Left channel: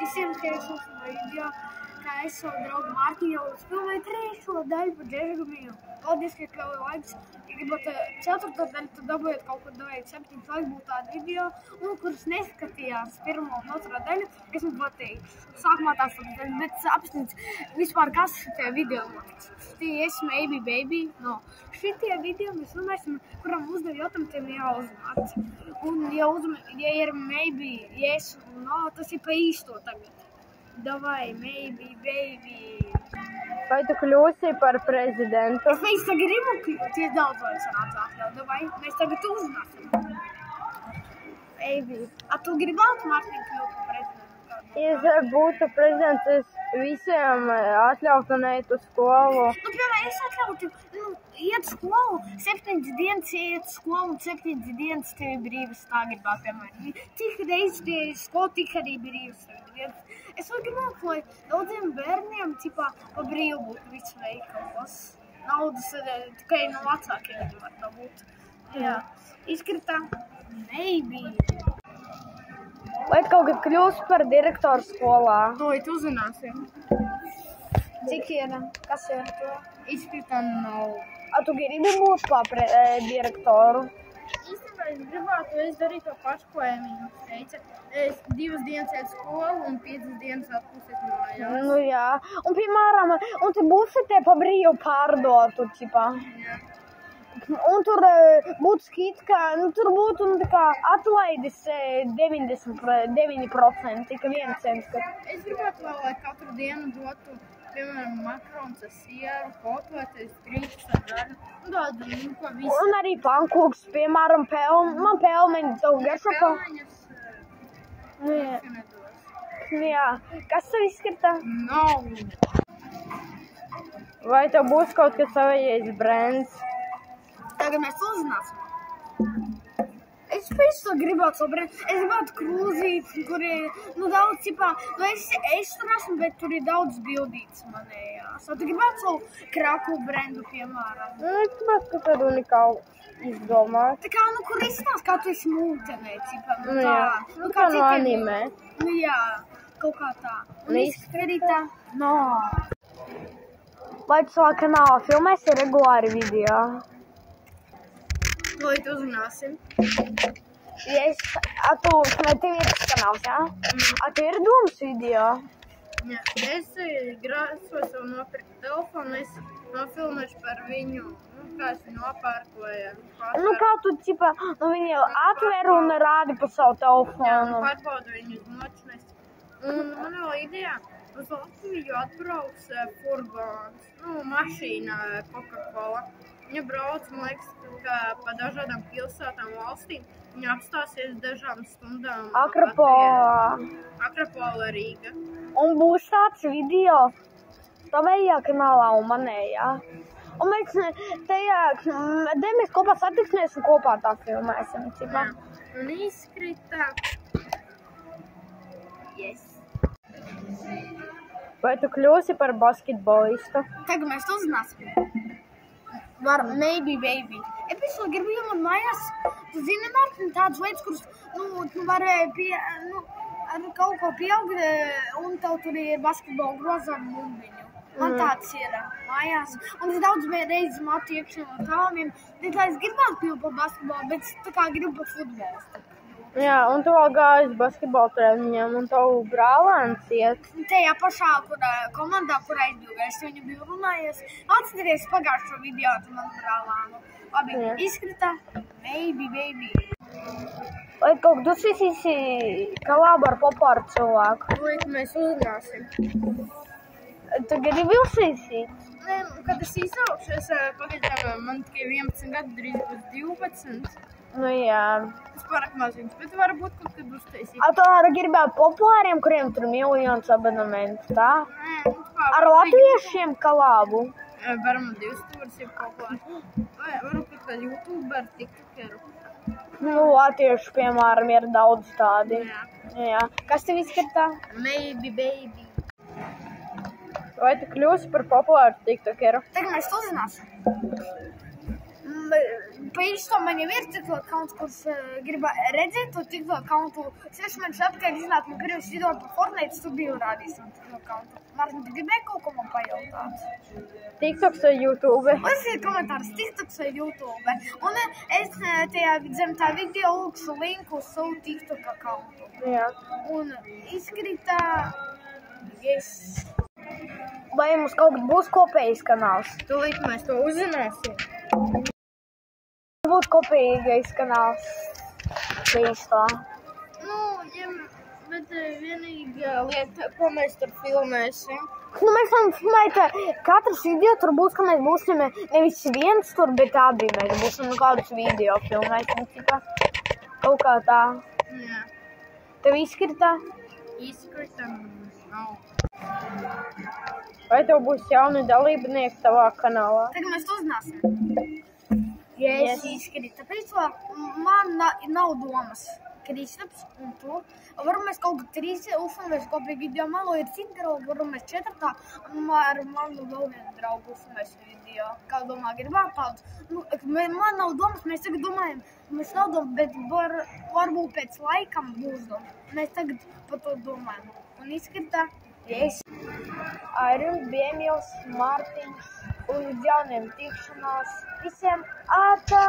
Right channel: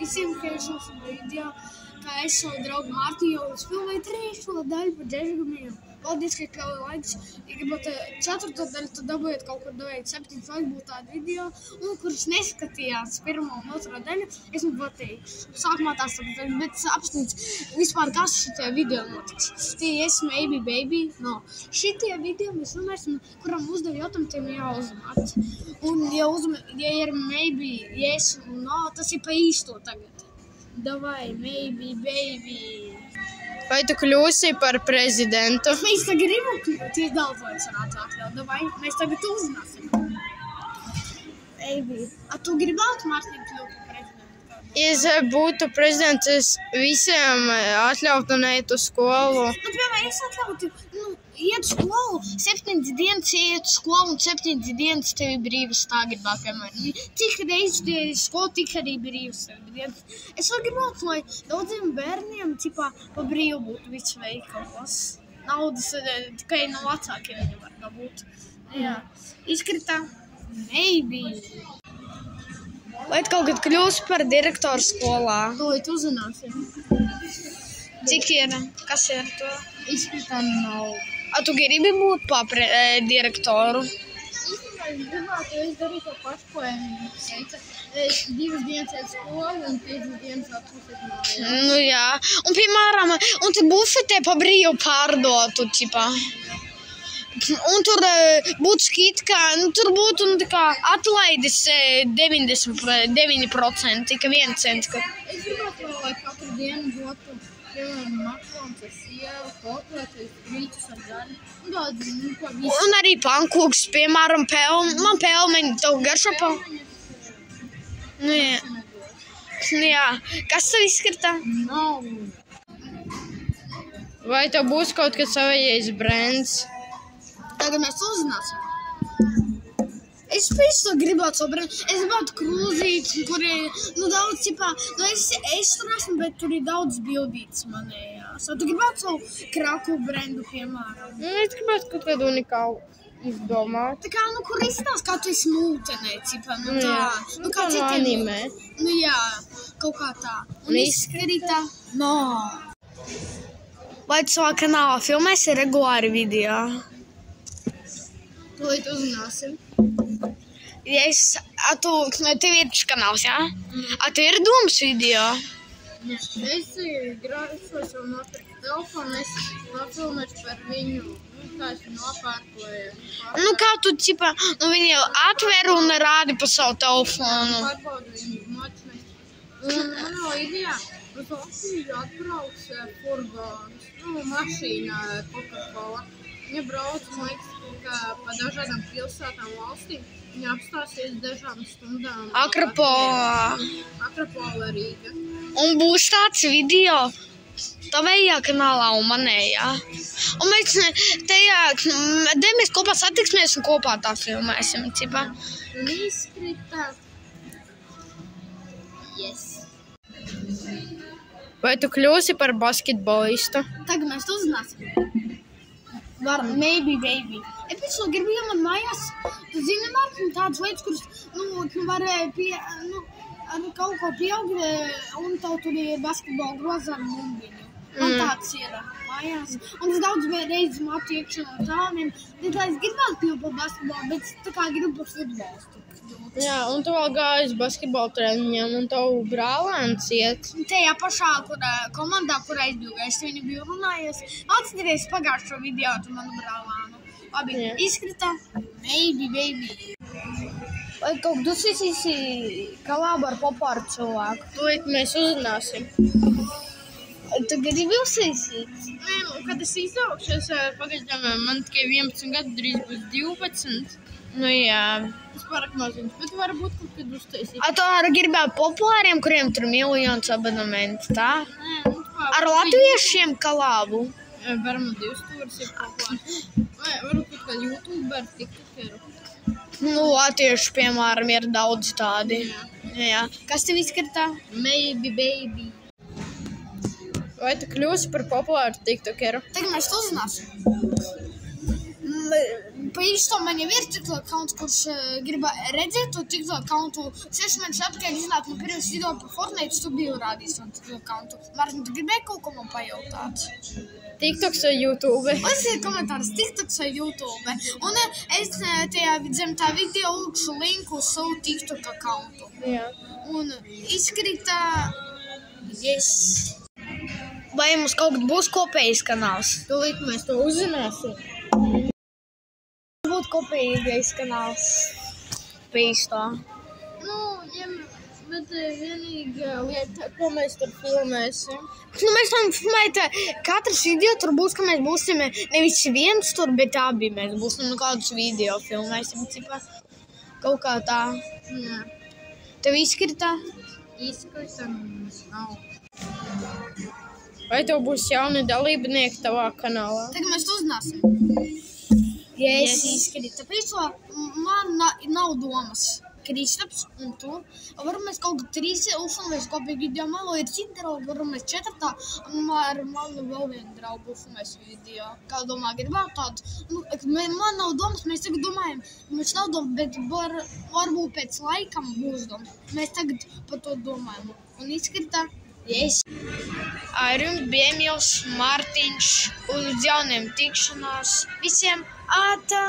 visiem, ka es esmu video, ka es savu draugu Mārtiņu jau spēlēju 3. daļu par Džežgamiju. Paldies, ka kļauju laikus. Ja gribat 4. daļu, tad dabūjiet kaut kur davēt 7 laiku būtu tāda video. Un, kurš neskatījās 1. un 2. daļu, es man patīk. Sākumā tās tādas, bet apstīts vispār, kas šitie video notiks. Tie es maybe baby, no. Šitie video mēs runāsim, kuram uzdev jautājumu, tiem jāuzmāt. Un, ja ir maybe, yes un no, tas ir pa īsto tagad. Davai, maybe, baby. Vai tu kļūsi par prezidentu? Mēs tagad gribam kļūt, tieši daudz lai sanāca atļaut. Davai, mēs tagad uzzināsim. Baby. A tu gribētu Mārtiņu kļūt par prezidentu? Ja būtu prezidents, es visiem atļautu neiet uz skolu. Nu, piemēram, es atļautu, iet skolu, 7 dienas iet skolu un 7 dienas tev ir brīvas tā gribētu, piemēram. Cik reizes tie ir skolu, tik arī brīvas tev ir dienas. Es vēl gribētu, lai daudziem bērniem, pa brīvu būtu viss veikalos. Naudas tikai no vecākiem viņi var dabūt. Jā. Izkritā, maybe. Vai tu kaut kad kļūsi par direktoru skolā? To tu uzzināsim. Cik ir? Kas ir to? Izkritā nav. A tu gribi būt par direktoru? Īstenībā es gribētu, es darīju to pašu, ko viņš teica. 2 dienas iet skolu un 5 dienas atpūsties no. Nu jā. Un, piemēram, un tu bufetē pa brīvu pārdotu, ķipā. Un tur būtu skitka, tur būtu atlaidis 99%, ka 1 cents. Es gribētu, lai katru dienu dotu, piemēram, makarons ar sieru, kotletes, krītus ar gaļu. Un arī pankūks, piemēram, man pelmeņi, tev garšo pelmeņi. Nu jā. Nu jā. Kas tev izskatā? Nav. Vai tev būs kaut kas savējais brands? Tagad mēs uzzināsim. Es visu gribētu savu brendu. Es gribētu krūzītes, kur ir, daudz, es tur esmu, bet tur ir daudz bildītes manējās. Tu gribētu savu kraku brendu, piemēram? Es gribētu kaut kādu unikālu izdomāt. Tā kā, kur izstās, kā tu esi mūtenē, tā. Kā no anime. Nu jā, kaut kā tā. Un izskarītā? No. Vai tu savā kanālā filmēsi regulāri video? To tu uzzināsim. Tev ir tas kanāls, jā? Tev ir dūmas video? Jā. Es grāsos un nopirku telefonu, es nofilmēšu par viņu, kā es nopērkoju. Kā tu, viņi jau atver un rādi pa savu telefonu. Pārbaudu viņu notimēs. Un, idejā, uz Latviju atbrauc furgons, mašīna Coca-Cola. Viņa brauc, man liekas, pa dažādām pilsētām valstīm. Viņa apstāsies dažām stundām. Akropola Rīga. Un būs tāds video tavējā kanālā un manējā. Un mēs kopā satiksimies un kopā tā filmēsim. Un izskritā. Yes. Vai tu kļūsi par basketbolistu? Tagad mēs to uzzināsim. Varam, maybe, baby. Es pēc to gribu iemāt mājās. Tu zini, Mārtiņ, tādas lietas, kuras, varēja ar kaut ko pieaugt, un tev tur ir basketbola groza ar bumbiņu. Man tāds ir mājās. Un es daudz reizes matu iekšā no tāliem. Es gribētu kļūt par basketbolu, bet tā kā gribu par futbolu. Jā, un tu vēl gāji uz basketbola treniņiem, un tavu brālēns iet. Tajā pašā komandā, kurā es biju, es viņu biju runājies. Atceries pagājušo video ar manu brālēnu. Labi, izskatā, maybe, baby. Vai kaut kas izsīsi kolābu ar popāru cilvēku? To mēs uzzināsim. Tu gribi uzsīsīt? Nē, kad es izaugšu, pagaidām man tikai 11 gadu, drīz būs 12. Nu jā. Tas pārāk maziņš, bet varbūt kaut kad uztaisīt. Tu arī gribētu populāriem, kuriem tur miljonus abonementi, tā? Nē, ar latviešiem kolābu? Varam 2 stūris ir populāri. Varu kaut kā YouTuber, tiktokeru. Latviešu, piemēram, ir daudz tādi. Jā. Kas tev izskatā? Maybe, baby. Vai tu kļūsi par populāru tiktokeru? Tagad mēs to uzzināsim. Pa īsto man jau ir TikTok accounts, kurš grib redzēt to TikTok accountu. 6 mēnešus atpakaļ iznāk man pirms video par Fortnite, tu biji rādījis to TikTok accountu. Mārtiņ, tu gribēji kaut ko man pajautāt? TikToks vai YouTube? Uzsīt komentārus TikToks vai YouTube. Un es zem tā video lūkšu linku uz savu TikTok accountu. Jā. Un izkrita... Yes. Vai mums kaut kad būs kopējs kanāls? Tūlīt mēs to uzzināsim. Būtu kopīgais kanāls bijis to. Nu, ja, bet vienīgā lieta, ko mēs tur filmēsim. Nu, mēs varam filmēt, katrs video tur būs, ka mēs būsim nevis viens tur, bet abi mēs būsim kādus video filmēsim, cipā. Kaut kā tā. Jā. Tev izkrita? Izkrita mums nav. Vai tev būs jauni dalībnieki tavā kanālā? Tagad mēs to uzzināsim. Yes. Izkrita. Tāpēc man nav domas. Kristaps un tu. Varam mēs kaut kā 3 uzfilmēs kopīgi video. Man vēl ir citi draugi, varam mēs 4. Un ar manu vēl vienu draugu uzfilmēs video. Kā domā, gribētu tādu? Nu, man nav domas, mēs tagad domājam. Mums nav domas, bet varbūt pēc laikam būs domas. Mēs tagad par to domājam. Un izskatā, yes. Ar jums bija Emīls, Mārtiņš, un uz jauniem tikšanos. Visiem ātā!